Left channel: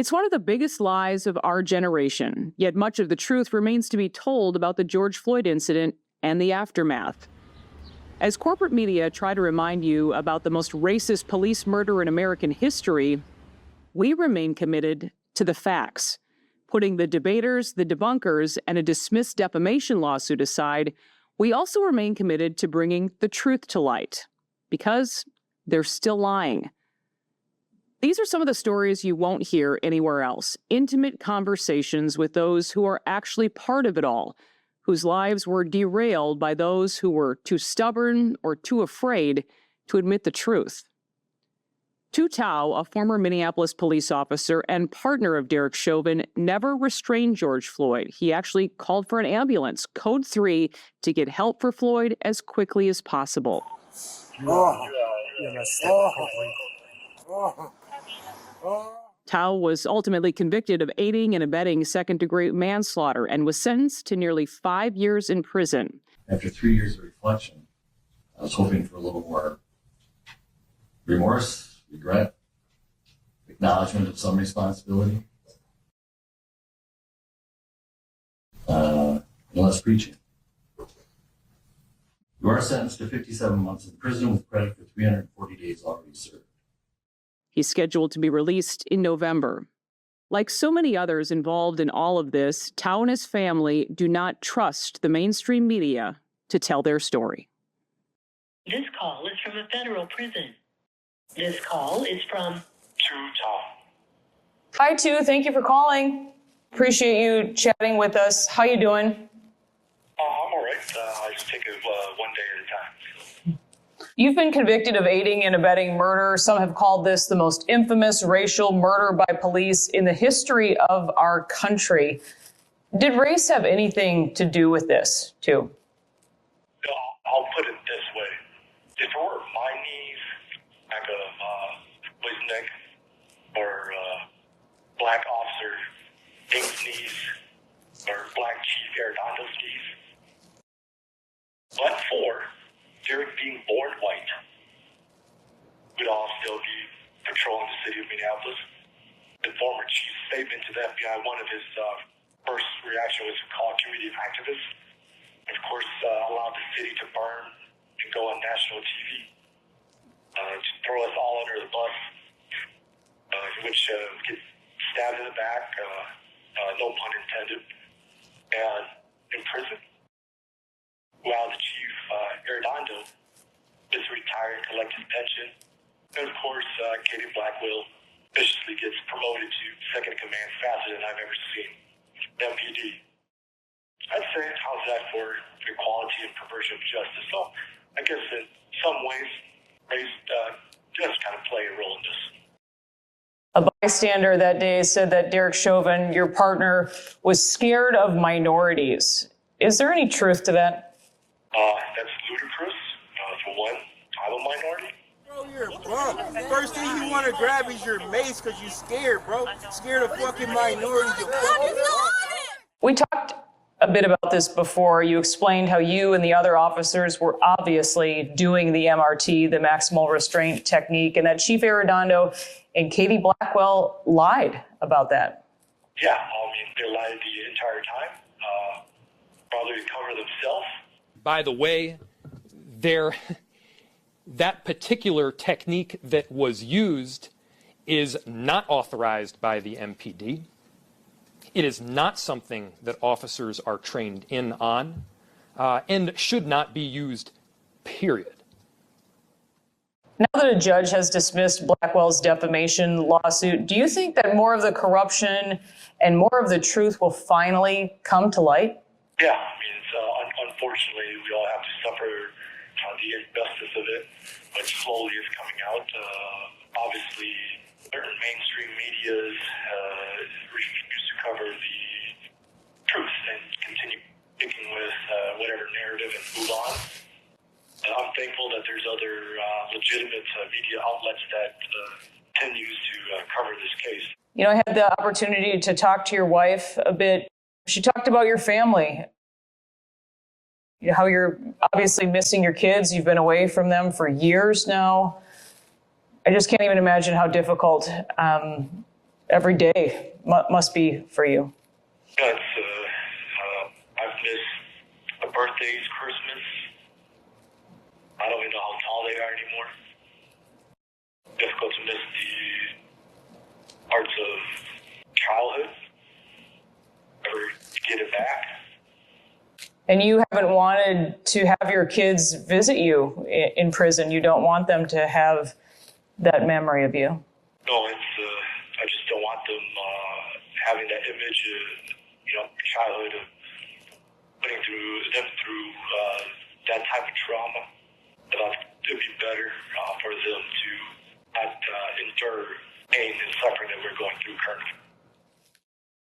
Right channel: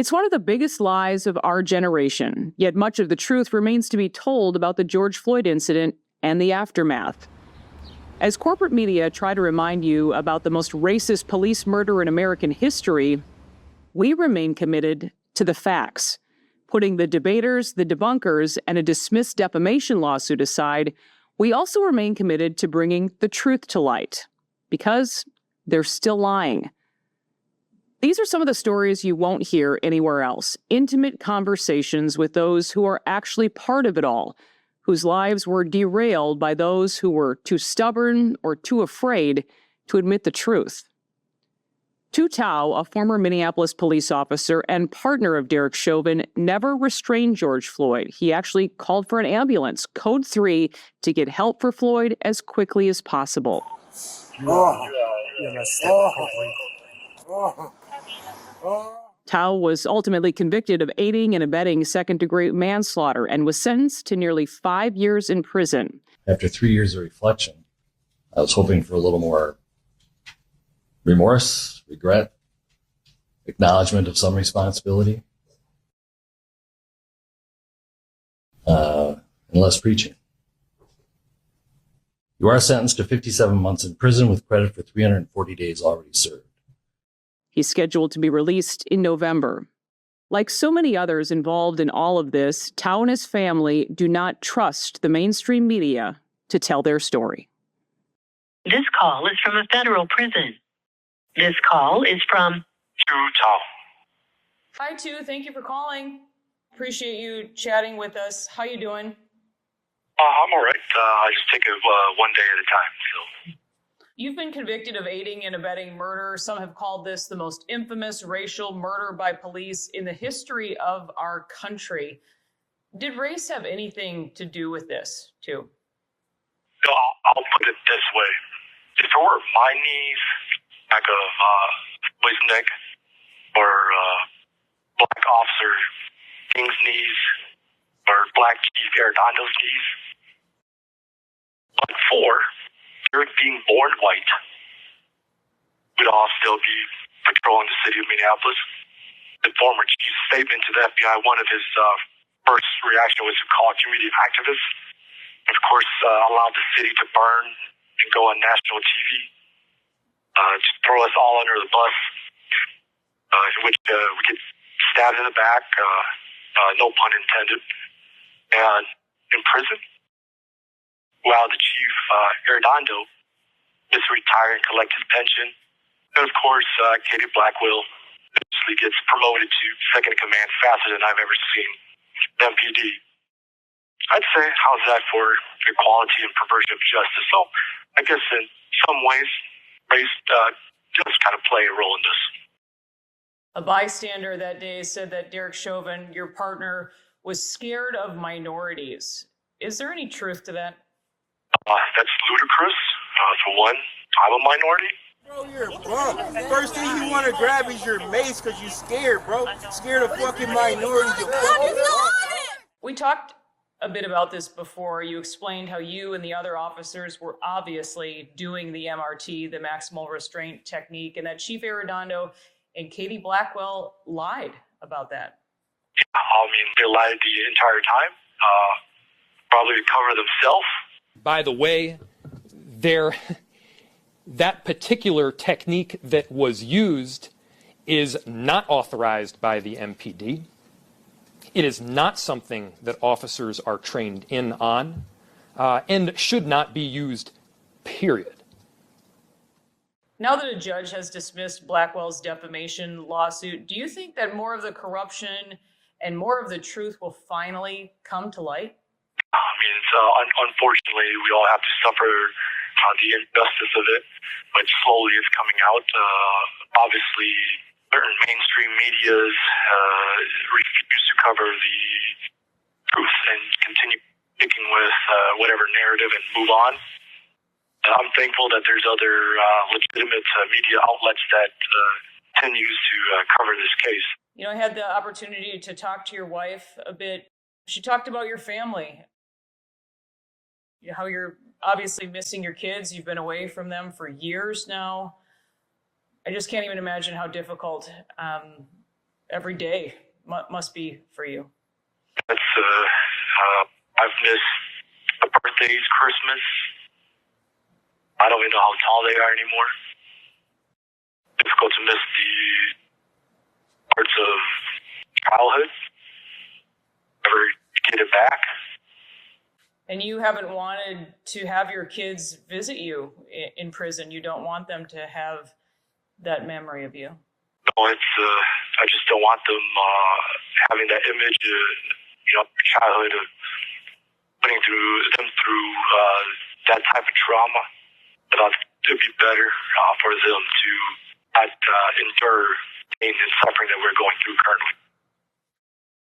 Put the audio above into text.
It's one of the biggest lies of our generation, yet much of the truth remains to be told about the George Floyd incident and the aftermath. As corporate media try to remind you about the most racist police murder in American history, we remain committed to the facts. Putting the debaters, the debunkers, and a dismissed defamation lawsuit aside, we also remain committed to bringing the truth to light, because they're still lying. These are some of the stories you won't hear anywhere else. Intimate conversations with those who are actually part of it all, whose lives were derailed by those who were too stubborn or too afraid to admit the truth. Tou Thao, a former Minneapolis police officer and partner of Derek Chauvin, never restrained George Floyd. He actually called for an ambulance, code 3, to get help for Floyd as quickly as possible. Thao was ultimately convicted of aiding and abetting second-degree manslaughter and was sentenced to nearly 5 years in prison. After 3 years of reflection, I was hoping for a little more remorse, regret, acknowledgement of some responsibility, and less preaching. You are sentenced to 57 months in prison with credit for 340 days already served. He's scheduled to be released in November. Like so many others involved in all of this, Thao and his family do not trust the mainstream media to tell their story. This call is from a federal prison. This call is from Tou Thao. Hi, Tou. Thank you for calling. Appreciate you chatting with us. How you doing? I'm all right. I just take it one day at a time. So. You've been convicted of aiding and abetting murder. Some have called this the most infamous racial murder by police in the history of our country. Did race have anything to do with this, Tou? No, I'll put it this way. If it were my knees, back of Floyd's neck, or Black Officer King's knees, or Black Chief Arredondo's knees, but for Derek being born white, we'd all still be patrolling the city of Minneapolis. The former chief's statement to the FBI, one of his first reaction was to call community activists, and of course allowed the city to burn and go on national TV, to throw us all under the bus, in which we get stabbed in the back, no pun intended, and in prison. While the chief, Arredondo, is to retire and collect his pension. And of course, Katie Blackwell viciously gets promoted to second in command faster than I've ever seen MPD. I'd say, how's that for equality and perversion of justice? So I guess in some ways, race does kind of play a role in this. A bystander that day said that Derek Chauvin, your partner, was scared of minorities. Is there any truth to that? That's ludicrous. For one, I'm a minority. Bro, you're a bum. First thing you want to grab is your mace because you're scared, bro. Scared of fucking minorities. We talked a bit about this before. You explained how you and the other officers were obviously doing the MRT, the maximal restraint technique, and that Chief Arredondo and Katie Blackwell lied about that. Yeah, I mean, they lied the entire time, probably to cover themselves. By the way, that particular technique that was used is not authorized by the MPD. It is not something that officers are trained in on, and should not be used, period. Now that a judge has dismissed Blackwell's defamation lawsuit, do you think that more of the corruption and more of the truth will finally come to light? Yeah, I mean, unfortunately, we all have to suffer the injustice of it, but slowly it's coming out. Obviously, certain mainstream medias refuse to cover the truth and continue sticking with whatever narrative and move on. I'm thankful that there's other legitimate media outlets that continues to cover this case. You know, I had the opportunity to talk to your wife a bit. She talked about your family, how you're obviously missing your kids. You've been away from them for years now. I just can't even imagine how difficult every day must be for you. Yes, I've missed the birthdays, Christmas. I don't even know how tall they are anymore. Difficult to miss the parts of childhood. Never get it back. And you haven't wanted to have your kids visit you in prison. You don't want them to have that memory of you. No, I just don't want them having that image of, childhood of putting them through that type of trauma. But it'd be better for them to not endure pain and suffering that we're going through currently.